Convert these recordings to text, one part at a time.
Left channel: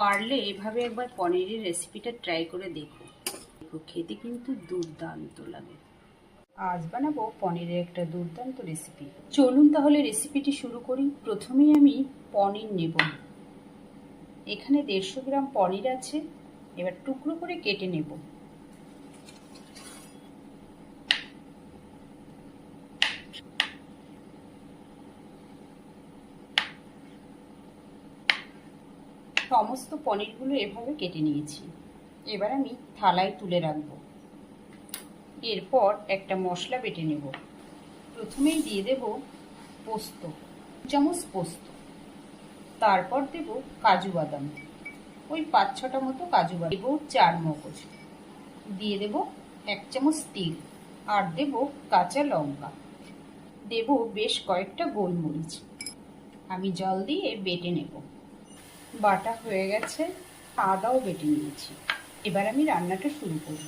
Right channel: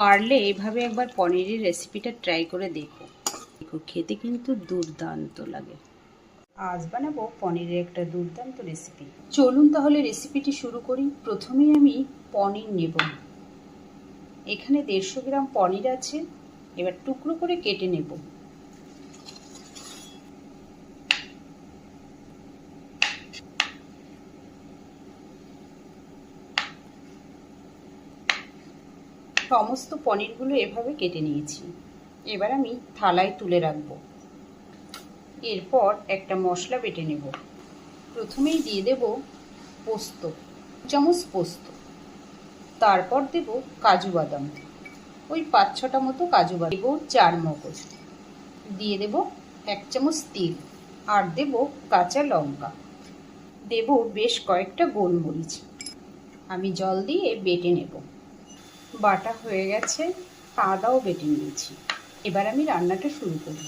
পারলে এভাবে একবার পনিরের রেসিপিটা ট্রাই করে দেখো। দেখো, খেতে কিন্তু দুর্দান্ত লাগে। আজ বানাবো পনিরের একটা দুর্দান্ত রেসিপি চলুন তাহলে রেসিপিটি শুরু করি। প্রথমেই আমি পনির নেব। এখানে দেড়শো গ্রাম পনির আছে। এবার টুকরো করে কেটে নেব। সমস্ত পনিরগুলো এভাবে কেটে নিয়েছি। এবার আমি থালায় তুলে রাখব। এরপর একটা মশলা বেটে নেব। প্রথমেই দিয়ে দেব পোস্ত চামচ পোস্ত। তারপর দেব কাজু বাদাম, ওই পাঁচ ছটা মতো কাজু বাদাম। দেবো চার মগজ। দিয়ে দেব এক চামচ তিল আর দেব কাঁচা লঙ্কা। দেব বেশ কয়েকটা গোলমরিচ। আমি জল দিয়ে বেটে নেব। বাটা হয়ে গেছে, আদাও বেটে নিয়েছি। এবার আমি রান্নাটা শুরু করব।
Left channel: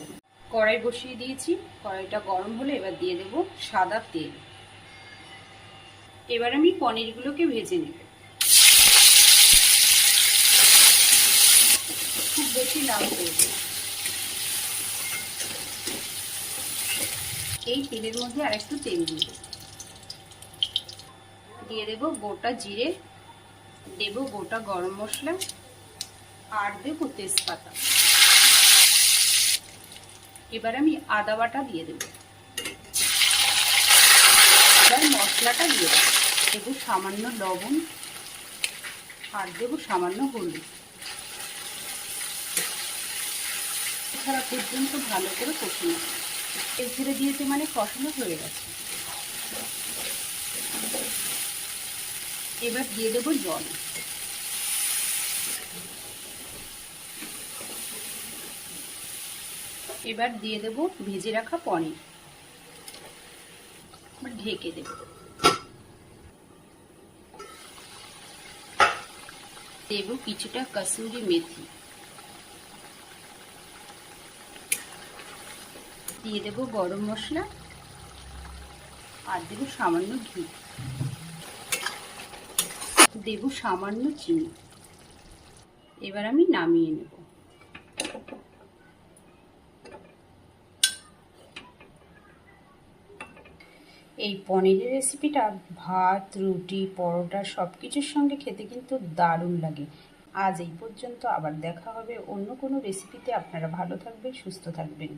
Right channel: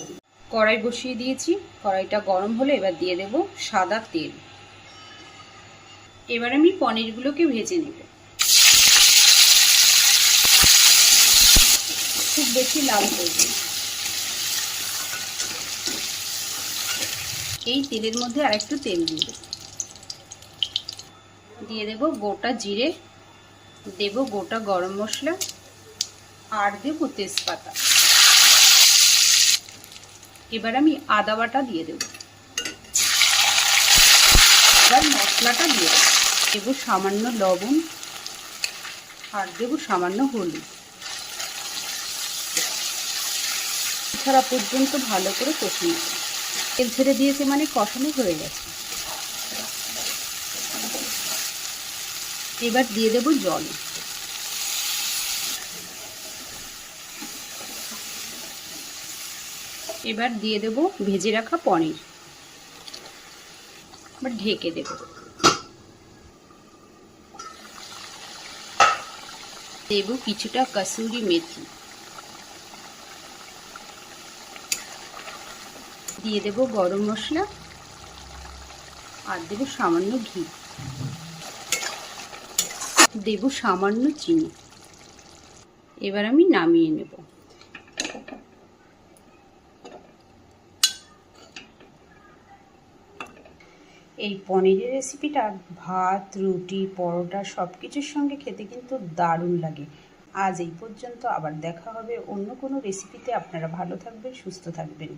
কড়াই বসিয়ে দিয়েছি, কড়াইটা গরম হলে এবার দিয়ে দেব সাদা তেল। এবার আমি পনিরগুলোকে ভেজে নেব। খুব বেশি লাল করব এই তেলের মধ্যে আর একটু তেল দিয়ে দেব। দিয়ে দেব গোটা জিরে দেব গোটা গরম মশলা আর দেব তেজপাতা। এবার আমি আদা বাটা দিয়ে দেব। এবার মশলাটা দিয়ে দেব। দেব সামান্য লবণ আর দেব সামান্য হলুদ। ছাড়া পর্যন্ত ভালো করে কষিয়ে তেল ছেড়ে দিয়েছে মানে কষানো হয়ে গেছে। এবার দিয়ে দেব জল। এবার দিয়ে দেব ভেজে রাখা পনির। এবার ঢেকে দেব। দেব কিছুটা কাসুরি মেথি। দিয়ে দেব গরম মশলা। আর দেব সামান্য ঘি। দেব সামান্য চিনি। এবার আমি নামিয়ে নেব। এই পনিরের রেসিপিটা ভাত, রুটি, পরোটা সব কিছুর সঙ্গে খেতে কিন্তু দারুণ লাগে। আজ এই পর্যন্ত আবার দেখা হবে অন্য কোনো রেসিপিতে আপনারা ভালো থাকবেন, সুস্থ থাকবেন।